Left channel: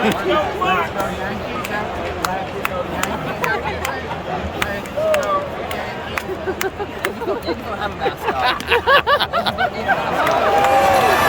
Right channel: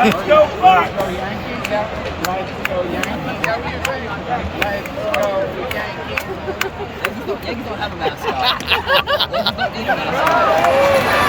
Let's go, Bucks! Let's go Yankees. Let's go Yankees. Yankees don't have a mascot. Yankees don't need a mascot.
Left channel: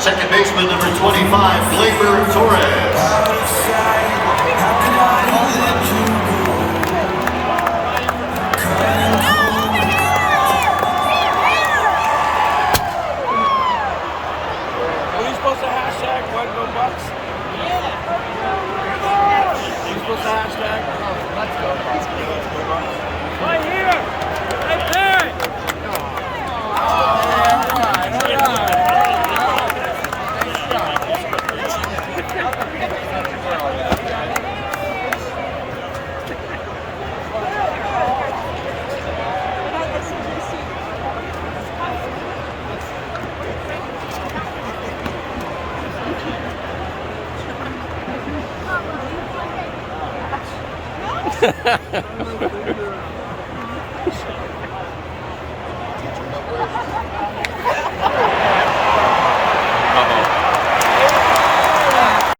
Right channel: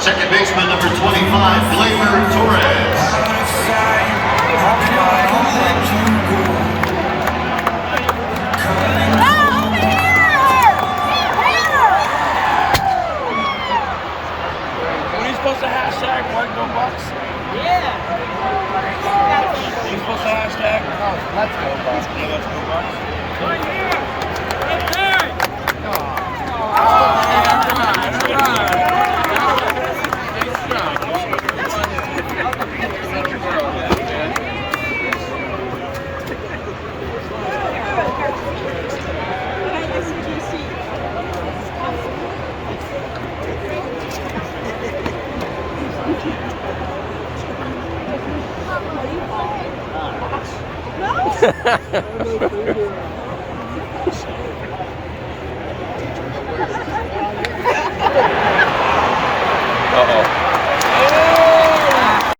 Second baseman number 25, Gleyber Torres. What are you supposed to hashtag? What, go Bucks? Yeah. You supposed to hashtag? Let's go Bucks. Yeah, let's go Bucks. Right here! Right there! No.